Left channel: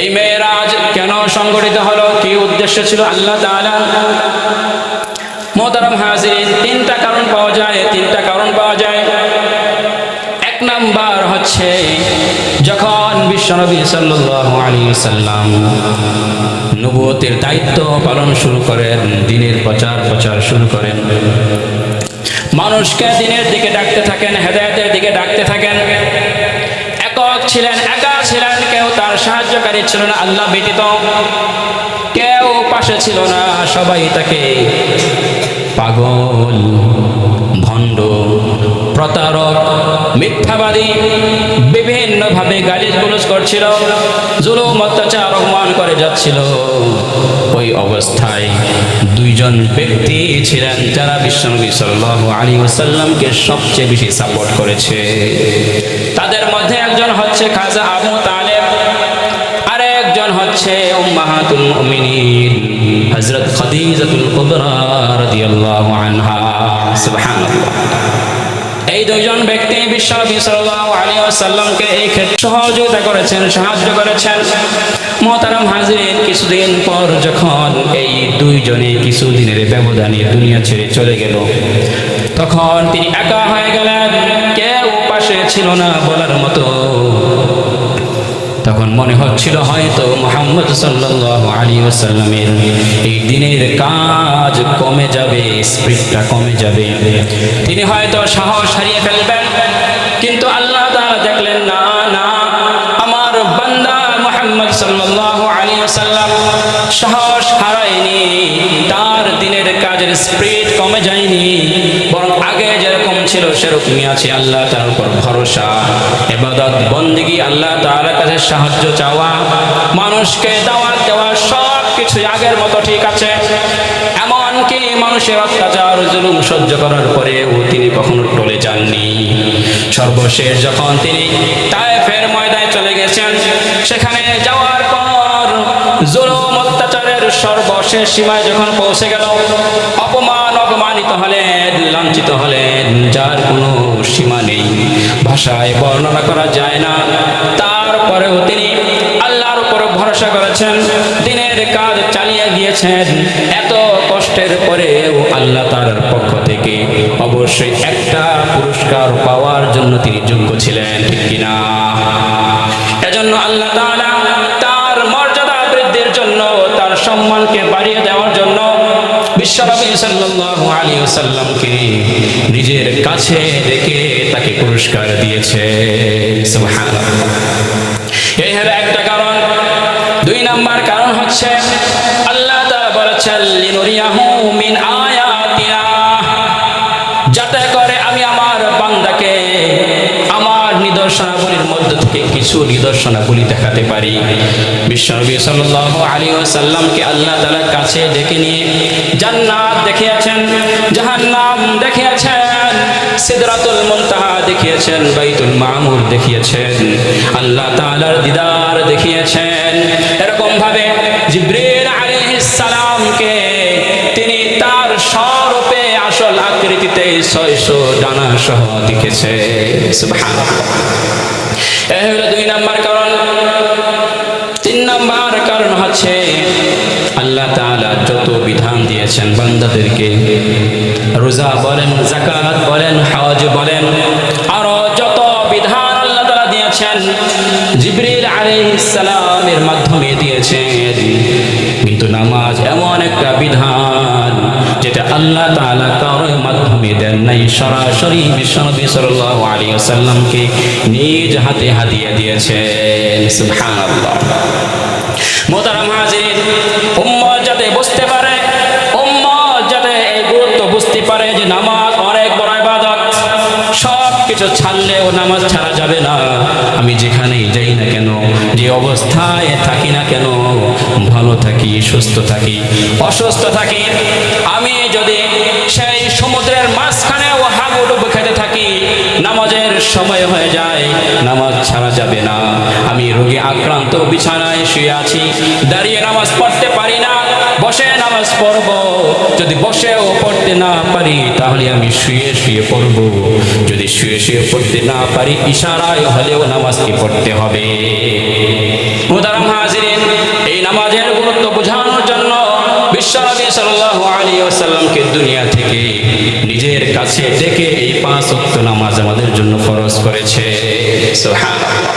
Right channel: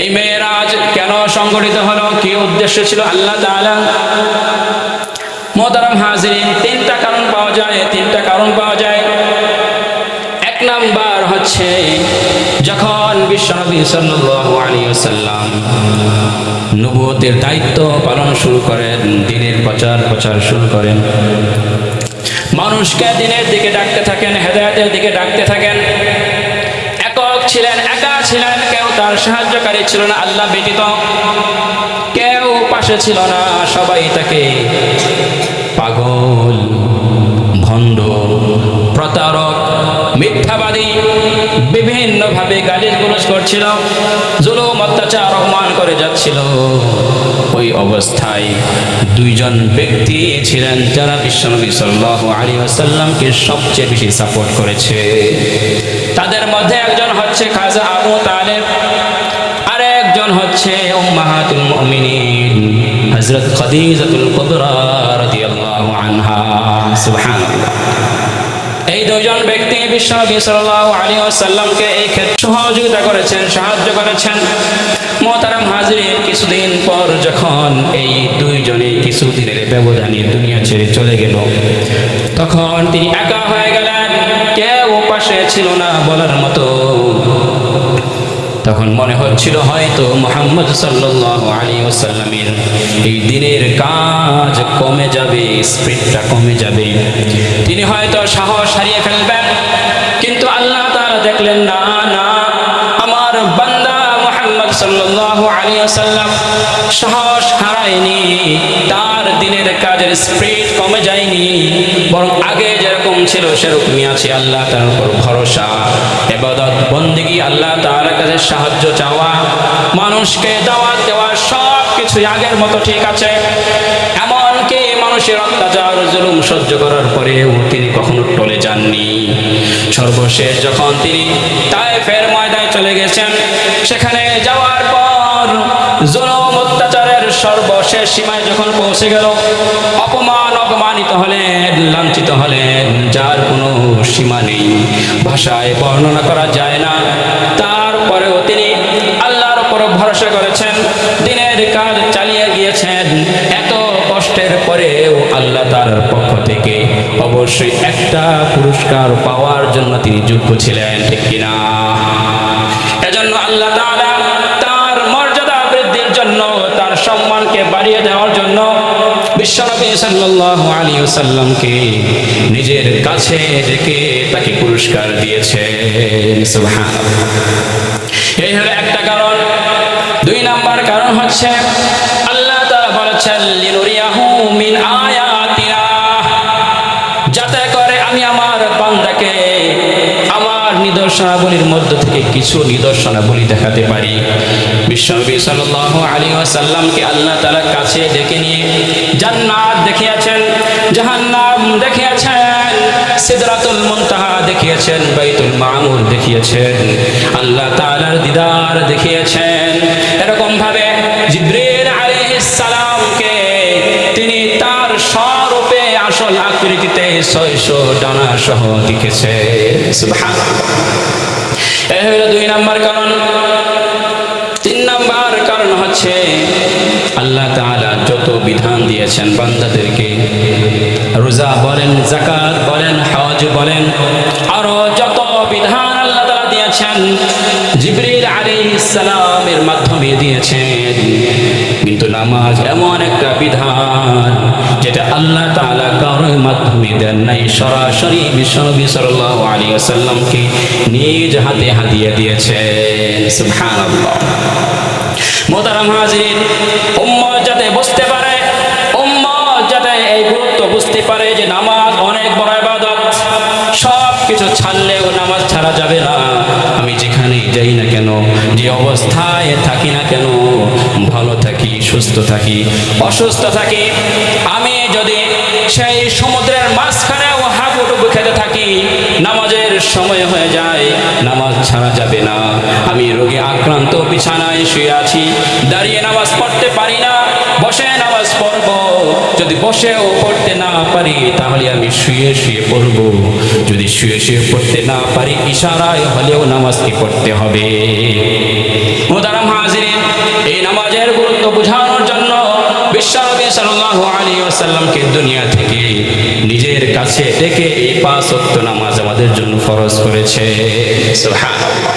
এই মেয়েরাজ কেন সংগঠিত হলো? কি উদ্দেশ্য ছিল? আল্লাহ তাআলা মোহতারাম হাজিরিন, তিনটা কারণ পাওয়া যায়। তিনটা কারণ পাওয়া যায়। এক নাম্বার হচ্ছে, যখন বিশ্বনবী সাল্লাল্লাহু আলাইহি ওয়াসাল্লাম নবুয়তের দায়িত্ব পালন শুরু করেন, দিনের প্রচার প্রচার শুরু করেন, মানুষকে দিনের দিকে ডাকতে থাকেন, হেদায়েতের দিকে ডাকতে থাকেন। ছিলেন, একা ছিলেন, কেউ তার সাহায্যকারী ছিল না, আল্লাহ ব্যতীত কেউ পাশে ছিল না, সবাই তাকে পাগল, ভণ্ড, প্রতারক, মিথ্যাবাদী, বিভিন্নভাবে গালিজ গুলজ করছিল, জুলুম, অত্যাচার, অপমান করে যাচ্ছিল। ওই অবস্থায় দুইজন ব্যক্তি ছিলেন যারা বিশ্বনবী সাল্লাহ আলী ওসাল্লামকে সবচেয়ে বেশি সাপোর্ট করেছে। তাদের মধ্যে একজন হচ্ছে খাজা আবু তালেব, আরেকজন হচ্ছে উম্মাহাতুল মুমিনিন, হযরত খাদিজাতুল কুবরা রাদিয়াল্লাহু আনহা। সুবহানাল্লাহ। দুজন ব্যক্তি বিশ্বনবী সাল আলী আসাল্লামকে এই ক্ষেত্রে সহযোগিতা করেছেন, সাহায্য করেছেন। মহতারাম হাজিরের কিছুদিন পর যখন এই দুইজনে কিছুদিনের ব্যবধানে দুনিয়া ছেড়ে চলে গেল, তখন তিনি একা হয়ে গেলেন। কেউ পাশে ছিল না বলার মতো। তখন মনে হচ্ছিল হয়তো মোহাম্মদ সাল্লাহ আলী ওসাল্লামের এই দিনের কাজ কমে যাবে, স্পিডটা কমে যাবে। তিনি হয়তো সাহস হারিয়ে ফেলবেন, কিন্তু আল্লাহ তারা দেখলেন, না না, আমার বান্দা মোহাম্মদ সাল্লাহ আলী আসাল্লাম সাহস হারায়নি, তার দিনের কাজের স্পিড কমে যায়নি, বরং আগে যেরকম ছিল সেরকমই আছে আল্লাহ তার উপর ভরসা। এবাদত বন্দিগি, আল্লাহ তার কাছে সাহায্য চাওয়া, মানুষকে দাওয়াত দেওয়া সব কিছু আগের মতো ঠিক আছে। এমনকি মানুষের অত্যাচার, জুলুম সহ্য করার পরেও তিনি কখনো টলে যাননি। সর্বশেষ যখন তিনি তায়েফের ময়দানে চলে গেছেন, সেখানে যাওয়ার পর জুলুম, অত্যাচারের সর্বশেষ সীমায় যখন পৌঁছে গেল, অপমান, অপমানিত হলেন, লাঞ্ছিত হলেন, যার কোনো সীমা নেই। ভাষায় বর্ণনা করা যায় না। তারপরেও তিনি উপর ভরসা করেছেন, দিনের কাজ চালিয়ে গিয়েছেন। এত কষ্টের পরেও আল্লাহ তার পক্ষ থেকে অবশ্যই একটা পুরস্কার পাওয়ার জন্য তিনি যোগ্য ছিলেন, ঠিক কিনা? এজন্য আল্লাহ তাআলা তার মর্যাদা বৃদ্ধির জন্য, তার সম্মানকে বাড়িয়ে দেওয়ার জন্য বিশ্বনবী সাল্লাল্লাহু আলাইহি ওয়াসাল্লামকে নিজের কাছে ডেকে তাকে পুরস্কার দিয়েছেন। সুবহানাল্লাহ। এই হলো একটা কারণ। নাম্বার কারণ হচ্ছে আল্লাহ তারা বলেছেন আয়াতিনা। যাতে করে আমি আমার বান্দাকে নিদর্শনাবলীর মধ্য থেকে কিছু নিদর্শনাবলী দেখাতে পারি। বিশ্বনবী সাল্লাল্লাহু আলাইহি ওয়াসাল্লামকে আল্লাহ তাআলা কাছে ডেকে নিয়ে জান্নাত দেখিয়েছেন, জাহান্নাম দেখিয়েছেন, সিদরাতুল মুনতাহা দেখিয়েছেন, বাইতুল মামুর দেখিয়েছেন, আল্লাহ তাআলার দিদার দেখিয়েছেন। এরকম ভাবে জিব্রিল আলাইহিস সালামকে তিনি তার স্বরূপে আসল আকৃতিতে ছয়শো ডানা সহ সুবহানাল্লাহ। এ দুই নাম্বার কারণ। তিন নাম্বার কারণ হচ্ছে আল্লাহ তাআলা যত বিধান দিয়েছেন বান্দাদেরকে, রোজা বলেন জাকাত বলেন, হজ বলেন, আরও যত বিধান আল্লাহ তালা দিয়েছেন, জিবরিল আলাইহিস সালামের মাধ্যমে দিয়েছেন। কিন্তু নামাজ এমন একটা বিধান যেটা আল্লাহ তালা কারোর মাধ্যমে দেন নাই, সরাসরি বিশ্বনবী সাল আলী আসাল্লামকে নিজ হাতে হাদিয়ে দিয়েছেন। সুহান আল্লাহ মোতারাম হাজির উম্মত যাতে বুঝতে পারে, উম্মত যাতে এই গুরুত্ব বুঝতে পারে যে নামাজ অনেক বড় ইবাদত। সব কিছু ছাড়লেও নামাজ ছাড়া যাবে না। আমি যেখানেই যাই না কেন, যে অবস্থায় থাকি না কেন, ভালো থাকি, সুস্থ থাকি, অসুস্থ থাকি। আমি যদি সেই সমুদ্রের মাঝখানেও হাবুডুবু ডুবু খেতে থাকি। নামাজের সময় হয়ে যায়, নামাজ ছাড়া যাবে না। আমি রোগে আক্রান্ত, বিছানায় শুয়ে আছি। দাঁড়িয়ে নামাজ পড়তে পারি না, বসে নামাজ পড়ব। যদি বসেও পড়তে না পারি, তাহলে আমি শুয়ে শুয়ে পড়ব। যদি শুয়ে শুয়ে পড়তে না পারি, ইশারায় হলেও নামাজটি পড়তে হবে। মোদারাম হাজিরিন, এই নামাজের গুরুত্ব জন্য বিশ্বনবী সাল্লাহ আলী আসাল্লামকে দুনিয়া থেকে নিজের কাছে ডেকে এই পাঁচ ওয়াক্ত নামাজ আমাদের জন্য ফরজ করেছে। সুবহানাল্লাহ।